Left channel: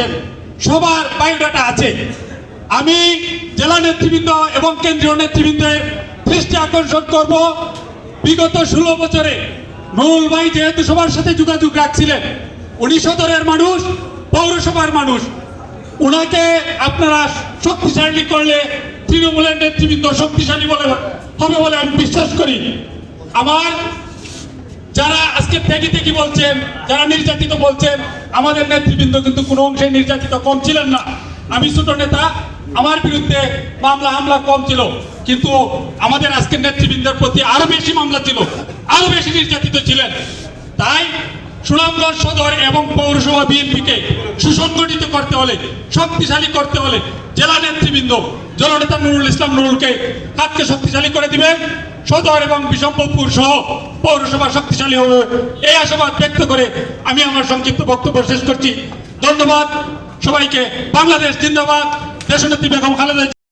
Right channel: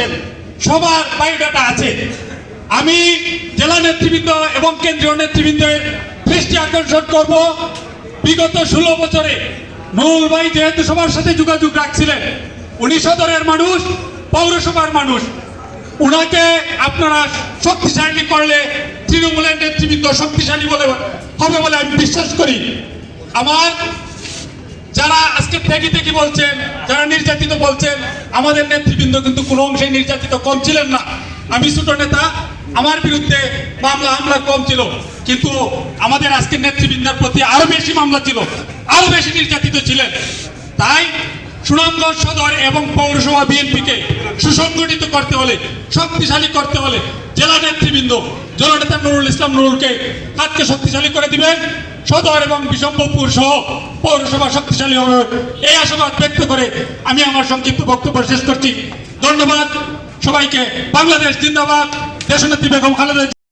আছেন, সবার বায়োডাটা আছে। আমি জেলা নেতৃবৃন্দ এবং কেন্দ্রীয় নেতৃবৃন্দের দৃষ্টি আকর্ষণ করব। বিগত ষোলো বছরে নুরুল ভাই যেহেতু সবার সাথে যোগাযোগ রাখছিলেন, উনি সদরের মানুষ, পৌরসভার মানুষ। ওনাকে আপনারা শক্তিশালী করলে তৃণমূলের নেতৃবৃন্দ শক্তিশালী বলে হবে বলে আমি বিশ্বাস করি। আমার যারা আজকে ত্যাগি ত্যাগি বলছেন, যারা নির্যাতিত বলছেন, আমাদের নেতৃবৃন্দ কিন্তু কোনো অংশে নির্যাতিত কম ছিলেন না। আমি ছোট নেতা, আমার বিরুদ্ধে মামলা, হামলা কম ছিল। কিন্তু আমাদের আজকের নেতৃবৃন্দের প্রতি আরও বেশি মামলা ছিল, আরও বেশি নির্যাতিত ছিলেন। তাই সুনামগঞ্জ সদর এবং পৌরসভা বিএনপিকে সুসংগঠিত করতে হলে, শক্তিশালী করতে হলে, জেলা নেতৃবৃন্দ জননেতা নুরুল ইসলাম নুরুলকে কাজকে শক্তিশালী করে দিবেন। সদর এবং বিশম্বপুর সহ পৌরসভা শক্তিশালী হবে। এই আশাবাদ ব্যক্ত করে আমি আমার সংক্ষিপ্ত বক্তব্য শেষ করছি। ধন্যবাদ সবাইকে। বাংলাদেশ জিন্দাবাদ। দেশনেত্রী বেগম খালেদা